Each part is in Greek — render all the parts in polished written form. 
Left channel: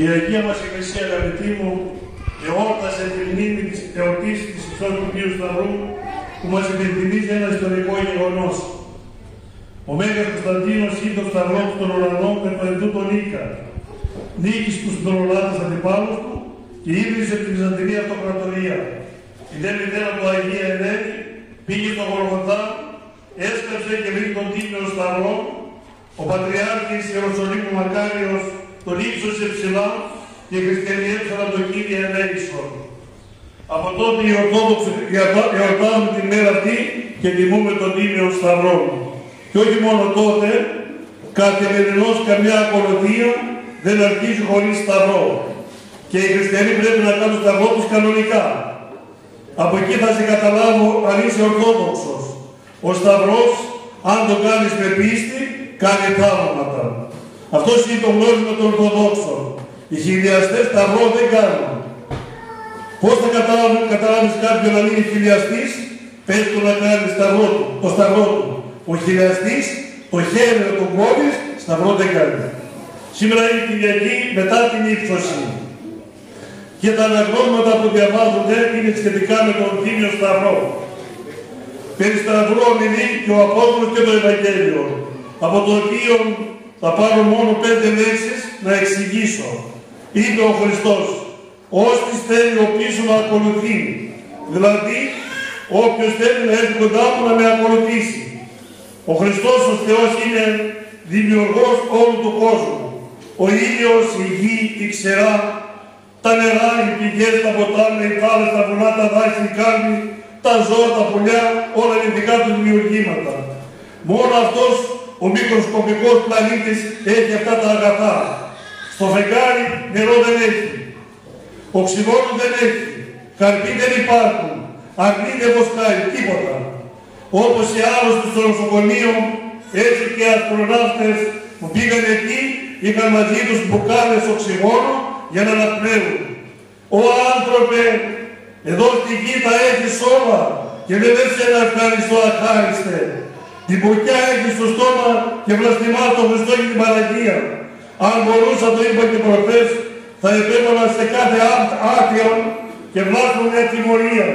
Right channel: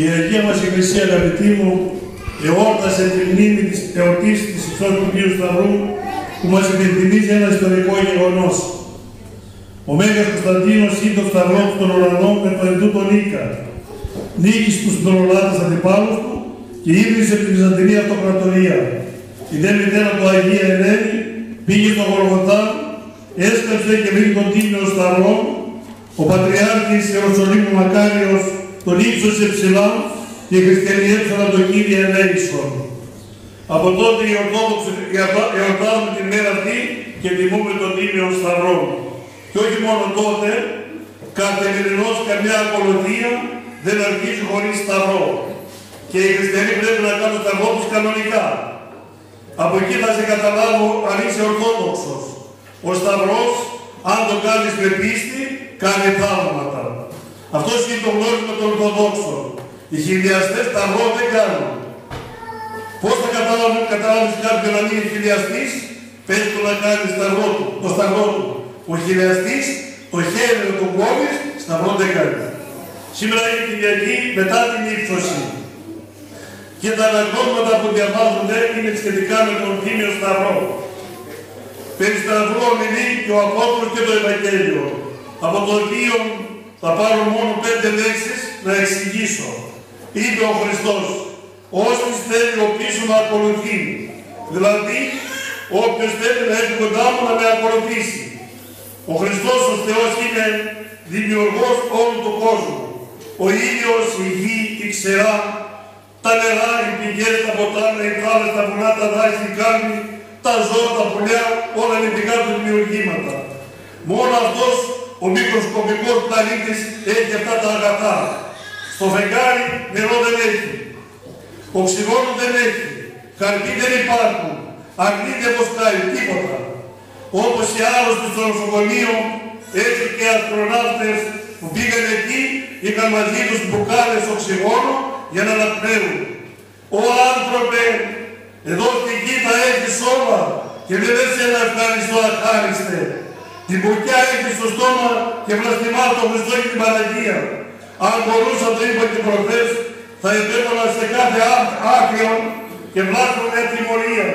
Η Αγία μας Εκκλησία, αγαπητοί μου, εόρτασε τη μνήμη της εορτής της Υψώσης του Αγίου Σταυρού, που μας υπενθυμίζει ένα ιστορικό γεγονός. Ο Μέγας Κωνσταντίνος είδε το σταυρό του των ουρανών με το εντού τον Ίκα. Νίκησε τους δωρολάτες αντιπάλους του και ίδρυσε την Βυζαντινή Αυτοκρατορία. Η δε μητέρα του Αγία Ελένη πήγε στο Γολγοθά, έσκαψε και βρήκε τον τίμιο σταυρό. Ο Πατριάρχης Ιεροσολύμου Μακάριος τον ύψωσε ψηλά και οι χριστιανοί έφεραν τον Κύριε ελέησον. Από τότε οι Ορθόδοξοι εορτάζουν την μέρα αυτή και τιμούμε τον Τίμιο Σταυρό. Και όχι μόνο τότε, καθημερινώς καμιά ακολουθία δεν αρχίζει χωρίς σταυρό. Και οι χριστιανοί πρέπει να κάνουν σταυρό τους κανονικά. Από εκεί θα σε καταλάβω αν είσαι Ορθόδοξος. Ο σταυρός, αν το κάνεις με πίστη, κάνει θαύματα. Αυτό είναι το γνώρισμα των Ορθοδόξων. Οι χιλιαστές σταυρό δεν κάνουν. Πώς θα καταλάβεις κάποιον να είναι χιλιαστής? Πες του να κάνει το σταυρό του. Ο χιλιαστής το χέρι να τον κόβεις, σταυρό δεν κάνει. Σήμερα είναι Κυριακή μετά την ύψωση. Και τα αναγνώσματα που διαβάζονται είναι σχετικά με τον Τίμιο Σταυρό. Περί σταυρού ομιλεί και ο Απόστολος και το Ευαγγέλιο, από το οποίο θα πάρω μόνο 5 λέξεις να εξηγήσω. Είπε ο Χριστός, όσοι θέλει ο πίσω να ακολουθεί. Δηλαδή, όποιος θέλει να έρθει κοντά μου να με ακολουθήσει. Ο Χριστός ο Θεός είναι δημιουργός όλου του κόσμου. Ο ήλιος, η γη, η ξερά, τα νερά, οι πηγές, τα ποτάμια, οι θάλασσες, τα βουνά, τα δάση, οι κάλμοι, τα ζώα, τα πουλιά, όλα είναι δικά του δημιουργήματα. Μόνο αυτός ο μικροσκοπικός πλανήτης έχει αυτά τα αγαθά. Στο φεγγάρι νερό δεν έχει, οξυγόνο δεν έχει, καρποί δεν υπάρχουν, αγνή δεν βοσκάει, τίποτα. Όπως οι άρρωστοι στο νοσοκομείο, έτσι και οι αστροναύτες που πήγαν εκεί, είχαν μαζί τους μπουκάλες οξυγόνο για να αναπνέουν. Ω άνθρωπε, εδώ στη γη τα έχεις όλα και δεν σε ένα ευχαριστώ αχάριστε. Την μπουκιά έχεις στο στόμα και βλαστημά το Χριστό και την Παναγία. Αν μπορούσα, το είπα και προχθές, θα επέβαλα σε κάθε άκριο και βλάστημα μια τιμωρία.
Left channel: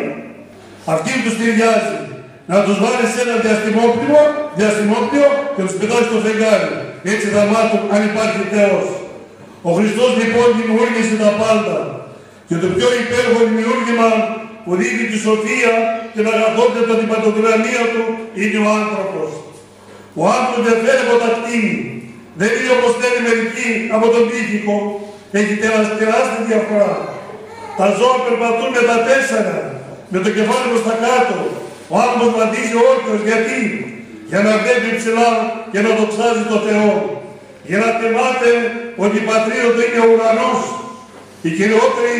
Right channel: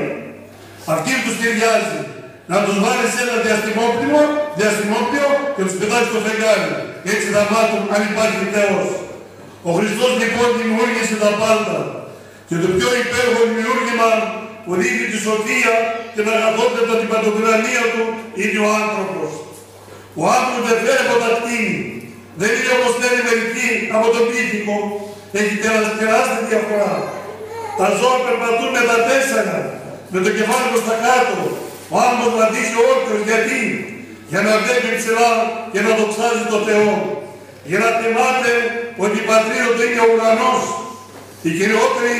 Αυτή τους ταιριάζει. Να τους βάλεις σε ένα διαστημόπλιο και τους πετάσεις στο φεγγάρι. Έτσι θα μάθουν αν υπάρχει Θεός. Ο Χριστός λοιπόν δημιούργησε τα πάντα. Και το πιο υπέροχο δημιούργημα που δείχνει τη σοφία και την αγαθότητα την παντοκρανία του είναι ο άνθρωπος. Ο άνθρωπος δεν φέρει από τα κτίνη. Δεν είναι όπως θέλει μερικοί από τον πίθηκο. Έχει τεράστια διαφορά. Τα ζώα περπατούν με τα 4, με το κεφάλι προς τα κάτω. Ο άνθρωπος βαδίζει όρθιος. Γιατί? Για να βλέπει ψηλά και να δοξάζει το Θεό. Για να θυμάται ότι η πατρίδα του είναι ο ουρανός. Η κυριότερη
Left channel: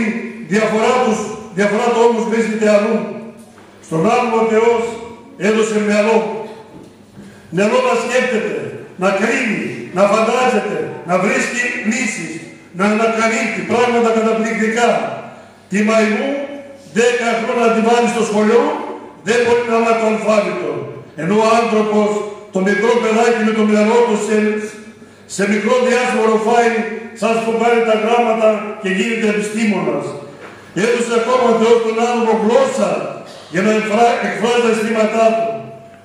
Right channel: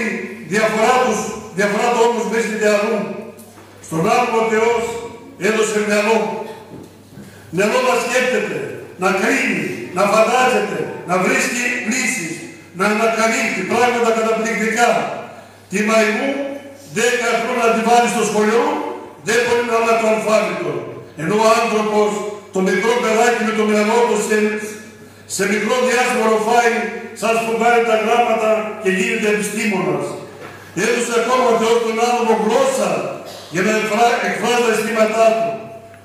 διαφορά του όμως βρίσκεται αλλού. Στον άνθρωπο ο Θεός έδωσε μυαλό. Μυαλό να σκέφτεται, να κρίνει, να φαντάζεται, να βρίσκει λύσεις, να ανακαλύπτει πράγματα καταπληκτικά. Τη μαϊμού 10 χρόνια να τη βάλει στο σχολείο, δεν μπορεί να μάθει το αλφάβητο. Ενώ ο άνθρωπος, το μικρό παιδάκι με το μυαλό του σε μικρό διάστημα ροφάει, σαν σπουδάει τα γράμματα και γίνεται επιστήμονας. Έδωσε ακόμα ο Θεός τον άνθρωπο γλώσσα για να εκφράζει τα αισθήματά του.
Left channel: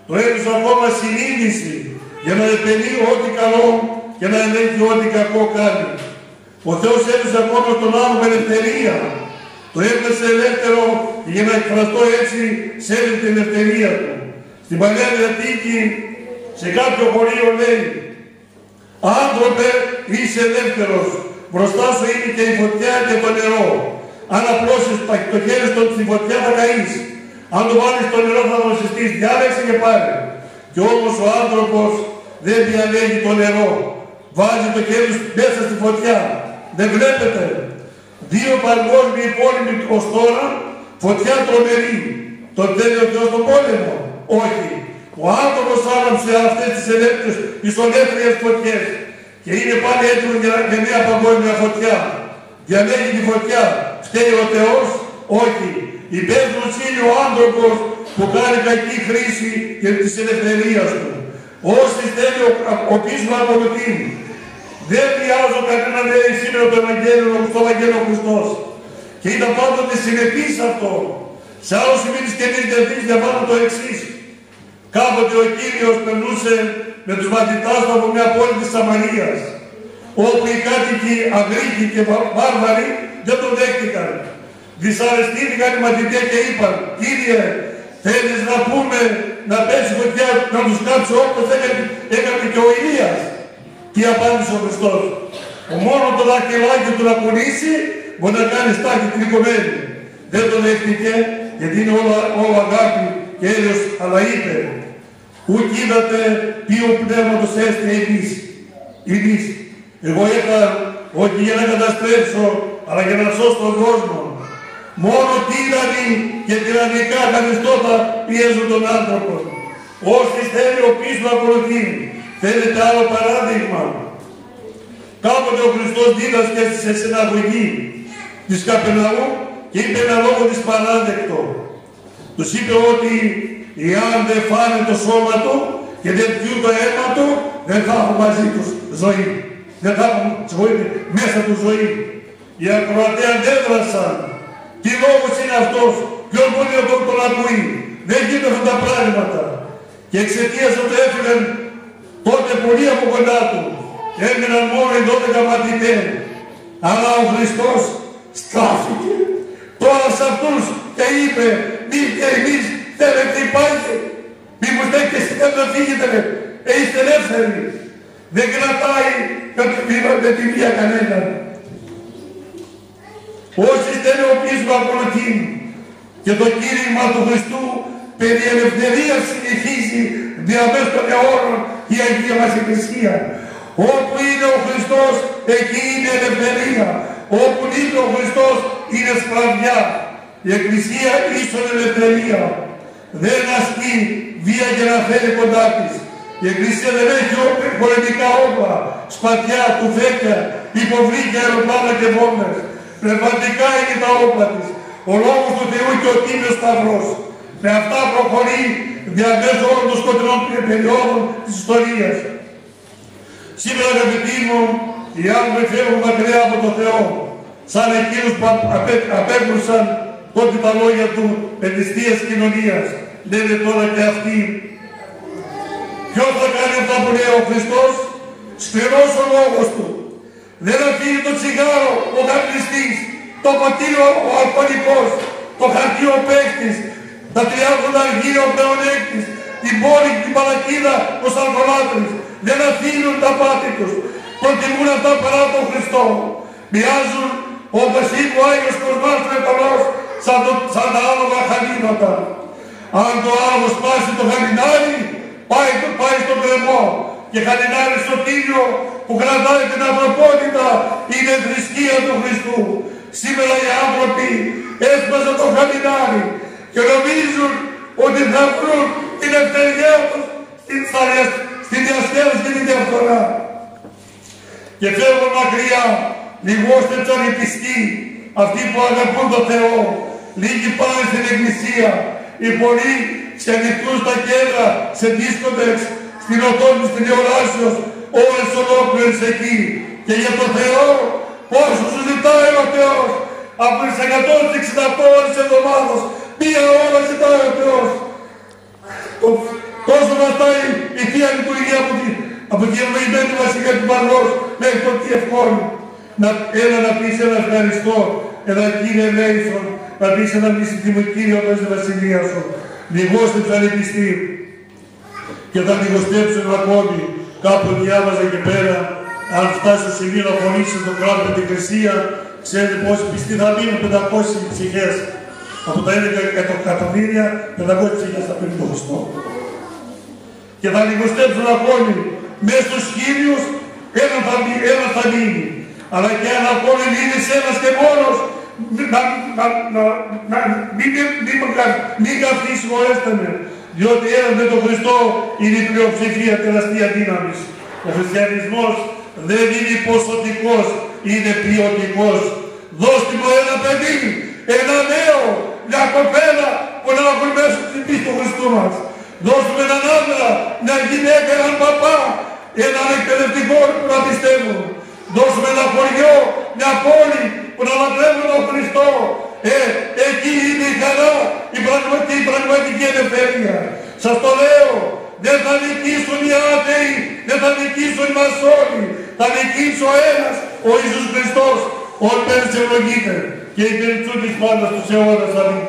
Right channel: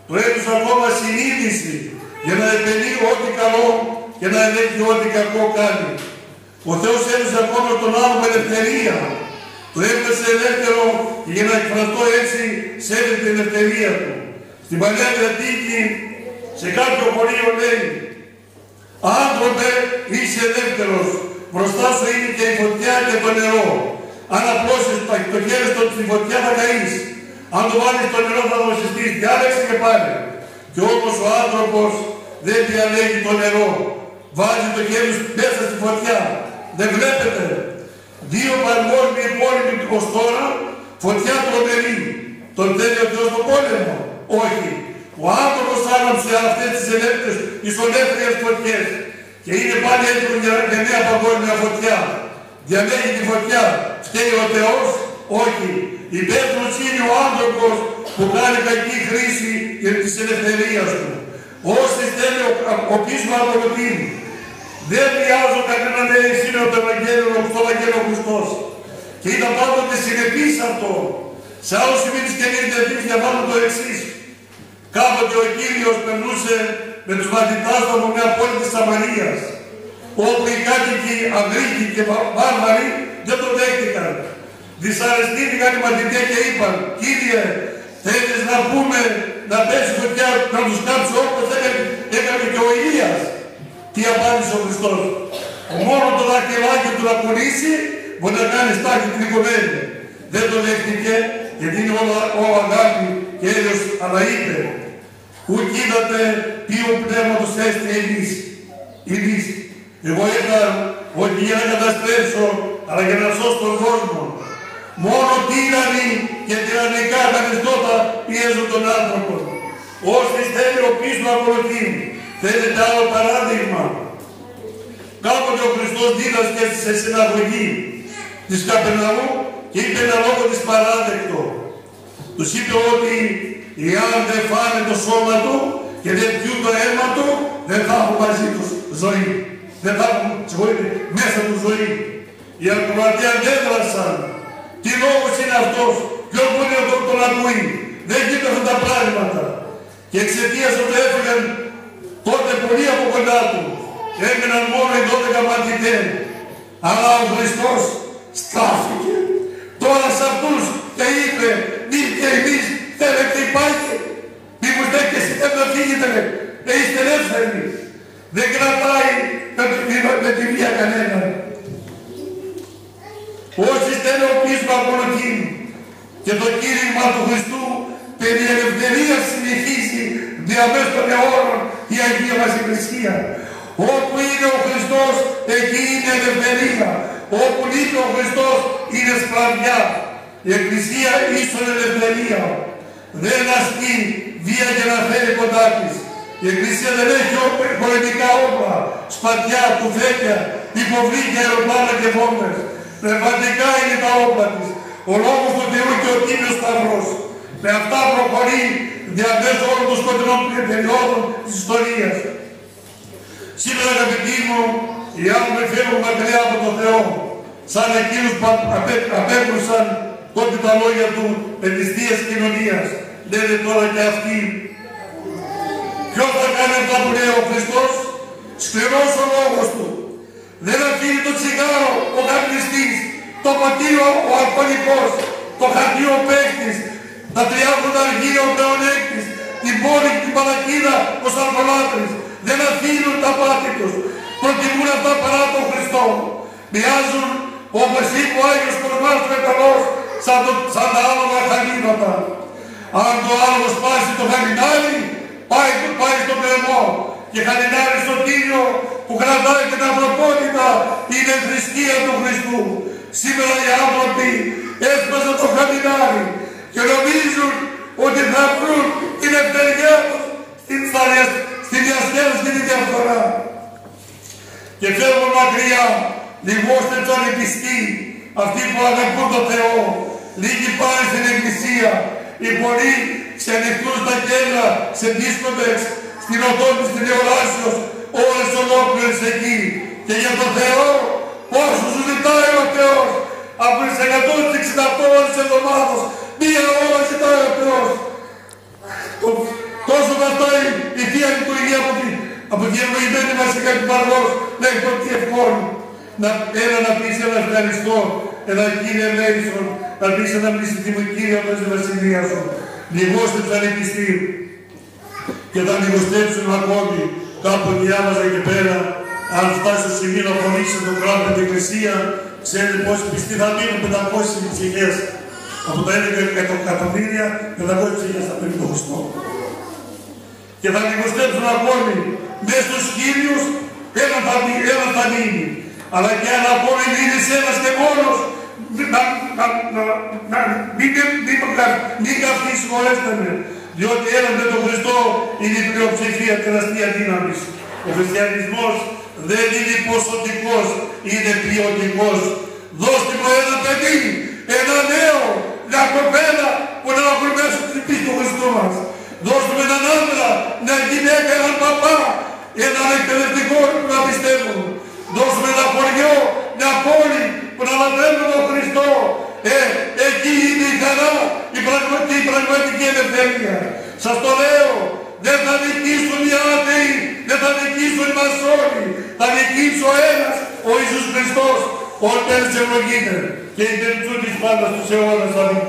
Το έδωσε ακόμα συνείδηση για να επενεί ό,τι καλό και να ελέγχει ό,τι κακό κάνει. Ο Θεός έδωσε ακόμα τον άνθρωπο ελευθερία. Το έπαιξε ελεύθερο και για να εκφραστώ έτσι σέβεται την ελευθερία του. Στην Παλαιά Διαθήκη, σε κάποιο χωρίο λέει: «Άνθρωπε, είσαι ελεύθερος. Μπροστά σου είναι και η φωτιά και το νερό. Αν απλώσεις το χέρι στη φωτιά θα καείς. Αν το βάλεις στο νερό θα δοσιστείς. Διάλεξε και πάλι». Και όμως ο άνθρωπος δεν διαλέγει το νερό. Βάζει το χέρι μέσα στη φωτιά. Δεν βλέπετε. 2 παγκόσμιοι πόλεμοι ως τώρα, φωτιά τρομερή. Τον θέλει ο Θεός τον πόλεμο? Όχι. Ο άνθρωπος άναψε αυτές τις ισολεύθερες φωτιές και είναι πάλι έτοιμο για νέα παγκόσμια φωτιά. Διαλέγει τη φωτιά. Φταίει ο Θεός? Όχι. Υπεύθυνος είναι ο άνθρωπος που κάνει κακή χρήση της ελευθερίας του. Όσοι θέλει ο πίσω ακολουθεί. Δεν χρειάζω κανένα λέει σήμερα το Ευαγγέλιο, στο Ευαγγέλιο Χριστός. Και ήταν πάντοτε συνεπής αυτό. Σε άλλο σημείο της Καινής Διαθήκης διαβάζω το εξής. Κάποτε ο Κύριος περνούσε με τους μαθητάς του από μια πόλη της Σαμαρίας, όπου οι κάτοικοι Αγγλίκοι και Βάρβαροι δεν τον δέχτηκαν. Δυσαρεστήθηκαν οι μαθητές και είπαν: «Κύριε, θέλεις να πούμε να πέσει φωτιά, να τους κάψει όπως έκανε και ο Ηλίας?» Τι απάντησε ο Χριστός? Μόνο το δαχτυλάκι του να κουνήσει μπορεί να κάνει στάχη τρικομένη. Δεν τον δέχτηκε, γιατί είναι όλο αγάπη και έλεος, αλλά είπε: «Ουκ είδατε ποιο πνεύματος έστει εμείς. Εγώ ήρθα όχι για να καταστρέψω, αλλά για να σώσω τον κόσμο. Μόνο τύρανοι και τυραννικά καθεστώτα πιέζουν τον άνθρωπο. Όσοι θέλει ο πίσω ακολουθεί». Θέλετε άλλο παράδειγμα? Κάποτε ο Χριστός δίδασκε σε συναγωγή της Καπερναού και είπε ένα λόγο της παράδεκτο. Τους είπε ότι εάν δεν φάνε το σώμα του και δεν πιούν το αίμα του, δεν θα έχουν μαζί τους ζωή. Δεν θα έχουν μέσα του ζωή. Οι ακροατές αντέδρασαν. Τι λόγος είναι αυτός? Ποιος μπορεί να τον ακούει? Δεν γίνονται αυτά τα πράγματα. Και εξαιτίας ότι έφυγαν τότε πολλοί από κοντά του, έμειναν μόνο οι 12 μαθητές. Αλλά ο Χριστός στάθηκε τώρα σε αυτούς και είπε: «Μη και εμείς θέλετε υπάρχει. Μήπως δεν και εσείς να φύγετε, είστε ελεύθεροι». Δεν κρατάει με τη βία κανέναν. Όσοι θέλουν ο πίσω ακολουθεί. Και το κήρυγμα του Χριστού περί ελευθερίας συνεχίζει διαμέσου των αιώνων η Αγία μας Εκκλησία. Όπου είναι ο Χριστός, εκεί είναι ελευθερία. Όπου είναι ο Χριστός, είναι σκλαβιά. Η Εκκλησία ίσον ελευθερία. Δεν ασκεί βία για να φέρει κοντά της. Η Εκκλησία δεν έχει πολεμικά όπλα, σπαθιά, τουφέκια, υποβλήτια, αεροπλάνα και βόμβες. Πνευματικά είναι τα όπλα της. Ο λόγος του Θεού και ο Τίμιος Σταυρός. Με αυτά προχωρεί διαμέσου όλων των σκοτεινών περιόδων της ιστορίας. Σήμερα, αγαπητοί μου, οι άνθρωποι φεύγουν μακριά από τον Θεό, σαν εκείνους που απέκρουσαν τότε τα λόγια του παιδιστίας κοινωνίας. Λένε τώρα και αυτοί. Ποιος θα κάνει αυτά που λέει ο Χριστός? Σκληρός ο λόγος του. Δεν αφήνει το τσιγάρο ο καπνιστής, το ποτήριο ο αλκοολικός, το χαρτί ο παίκτης, τα 30 αργύρια ο πλεονέκτης, την πόλη και την παλακίδα ο σαλκολάτρης. Δεν αφήνουν τα πάθη τους. Προτιμούν αυτά παρά τον Χριστό. Μοιάζουν όπως είπε ο Άγιος Κοσμάς Μετανός σαν τα άλογα χαλίματα. Αν το άλογο σπάσει το χαλινάρι, πάει στον κρεμό. Και χαλινάρι στο τίμιο που κρατάει την ανθρωπότητα είναι η θρησκεία του Χριστού. Σήμερα οι άνθρωποι έσπασαν το χαλινάρι και νομίζουν ότι θα βρουν την ελευθεριά τους στη διασκέδαση και τη διαφθορά. Και φεύγουν μακριά, λιγόστε τσαριτιστοί, αυτοί που αγαπούν τον Θεό, λίγοι πάνε στην εκκλησία, οι πολλοί σε ανοιχτούς τα κέντρα, σε δίσκοτεξ, στην οθόνη της τηλεοράσεως, όλες ολόκληρες εκεί. Και για τον Θεό, πόσο σου ζητάει ο Θεός, από τις 168 ώρες της εβδομάδας, μία ώρα ζητάει ο Θεός. Τόσο βαστάει η Θεία Λειτουργία από την ευλογημένη βασικά του Παρδός μέχρι το Κιευκόνου. Έλα να πεις ένα ευχαριστώ, ένα Κύριε Λέησον, να πεις ένα μυστικό Κύριο μέσα στη βασιλεία σου. Λιγόστεψαν οι πιστοί και θα λιγοστέψουν ακόμη. Κάπου διάβαζα εκεί πέρα, αν φτάσει στο σημείο να φωνήσει τον κράτο την εκκλησία, ξέρετε πόσοι πιστοί θα μείνουν, 500 ψυχές. Από τα 11 εκατομμύρια, 500 ψυχές θα παίρνει το Χριστό. Και θα λιγοστέψουν ακόμη. Μέσα στους χίλιους ένα θα μείνει. Αλλά και αν ακόμη μείνεις ένας και μόνος, μην καυθεί, συγχωρέστε με. Διότι ένας με τον Χριστό είναι η πλειοψηφία, τεραστία δύναμης. Ο χριστιανισμός δεν είναι ποσοτικός, είναι ποιοτικός. Δώστε μου ένα παιδί, ένα νέο, μια κοπέλα που να ακολουθήσει την πίστη του Χριστού μας. Δώστε μου έναν άντρα, μια γυναίκα, έναν παπά, έναν εκπαιδευτικό που να πιστεύουν. Δώστε μου ένα χωριό, μια πόλη που να λατρεύουν τον Χριστό. Εκεί είναι η χαρά, η πραγματική ελευθερία. Σας το λέω, δεν θα νικήσουν οι άτεοι, δεν θα νικήσουν οι μασόνοι. Θα νικήσει ο ένας, ο Ιησούς Χριστός. Όταν ευλογείται και η τελειτσού της πάντας τους αιώνας. Αμήν.